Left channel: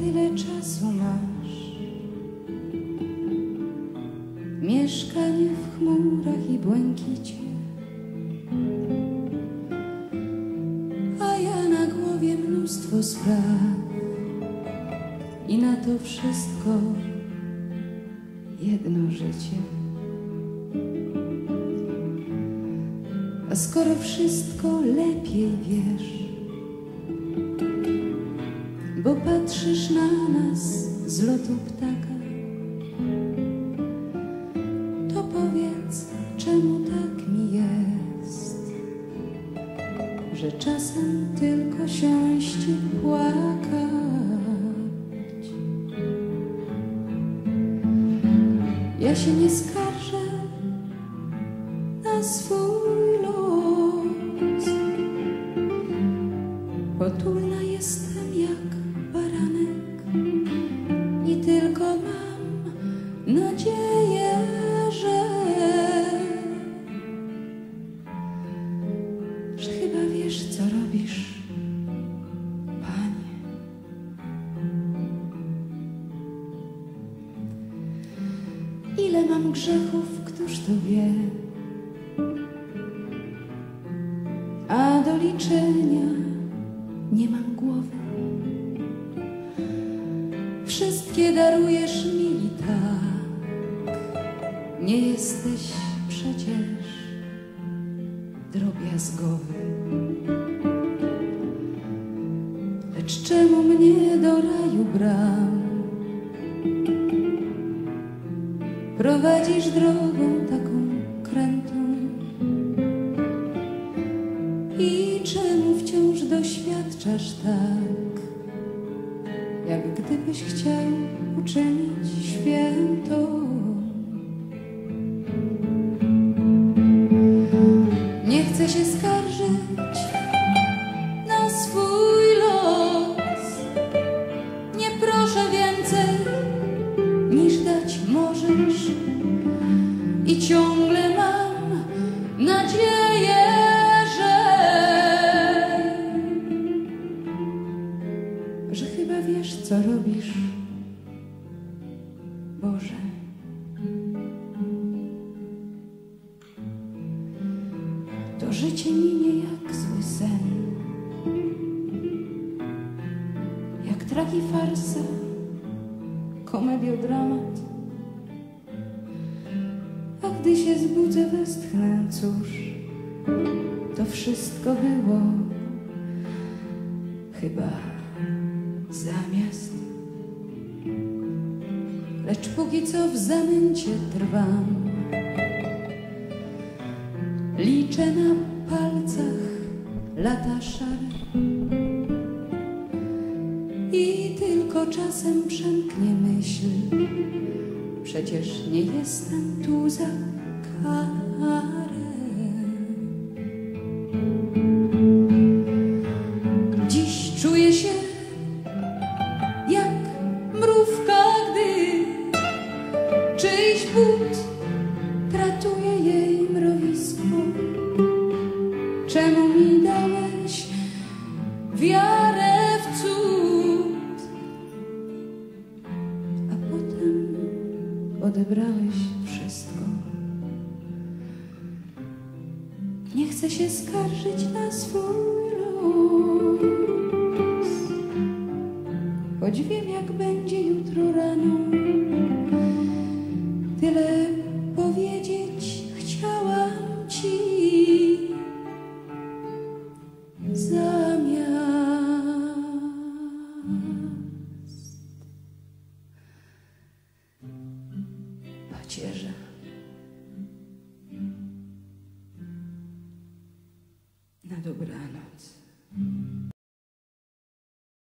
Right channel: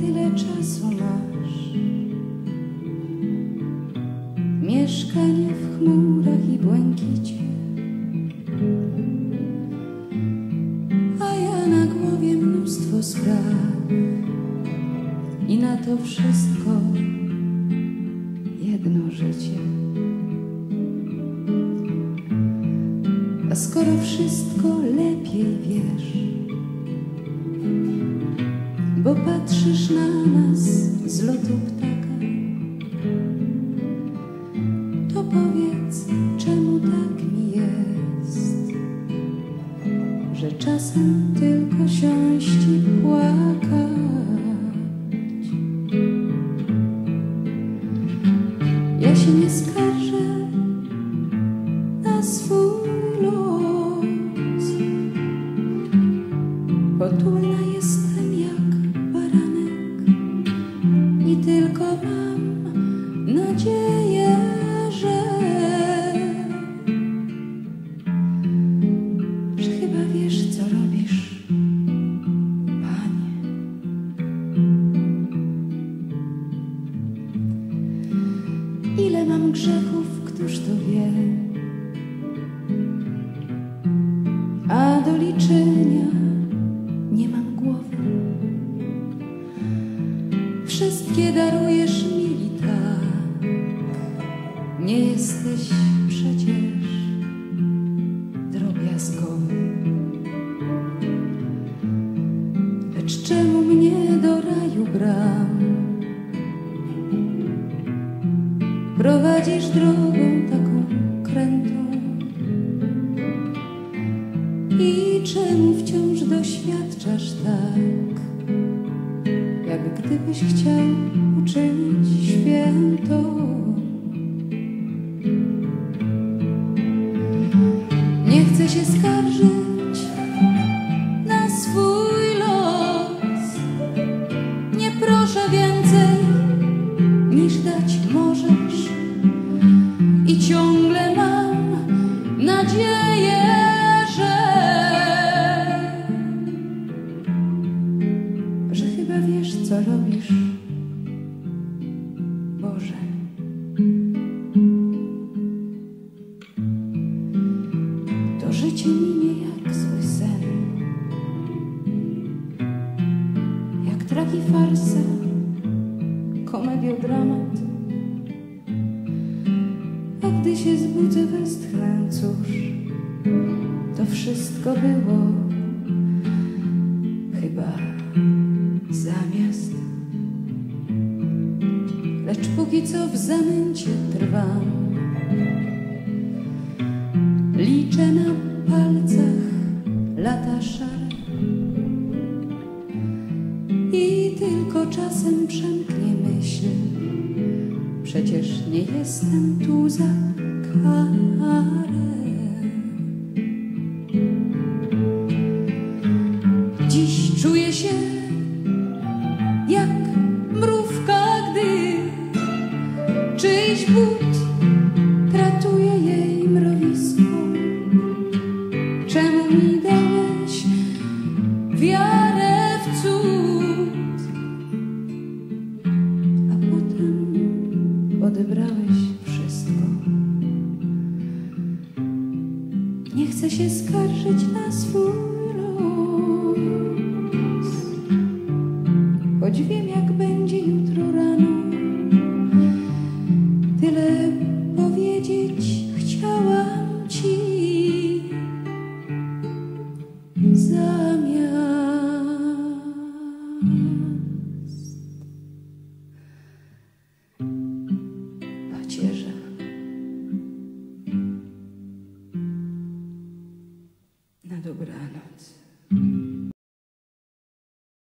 tyle czasu masz. Mieszkanie w chmurach i błękicie, a ja na głowie mnóstwo spraw i na to wszystko jedno życie. A skoro wszystko lepiej wiesz, bo patrzysz na nas z lotu ptaka, to powiedz, czemu tak mi jest, że czasem tylko siąść i płakać. Ja się nie skarżę na swój los. Potulna jestem jak i tylko mam nadzieję, że, że chyba wiesz, co robisz, panie. Ile mam grzechów, któż to wie? A do liczenia nie mam głowy. Wszystkie darujesz mi i tak. Nie jesteś przecież drobiazgowy. Lecz czemu mnie do raju bram? prowadzisz drogą taką krętą i czemu wciąż doświadczasz tak, jak gdybyś chciał uczynić święto. Nie chcę się skarżyć na swój los, nie proszę więcej niż dać możesz. I ciągle mam nadzieję, chyba wiesz, co robisz, Boże. To życie minie jak zły sen, jak tragi farsa komediodramat. A gdy się zbudzę, westchnę, cóż, to wszystko było chyba zamiast. Lecz póki co w zamęcie trwam, liczę na palcach lata szare. I tylko czasem przemknie myśl, przecież nie jestem tu za karę. Dziś czuję się mrówka, gdy czyjś but tratuje jej mrowisko. Czemu mi dałeś wiarę w cud, a potem odebrałeś wszystko? Nie chcę się skarżyć na swój choć wiem, jak będzie jutro rano. Tyle powiedzieć chciałam ci zamiast pacierza.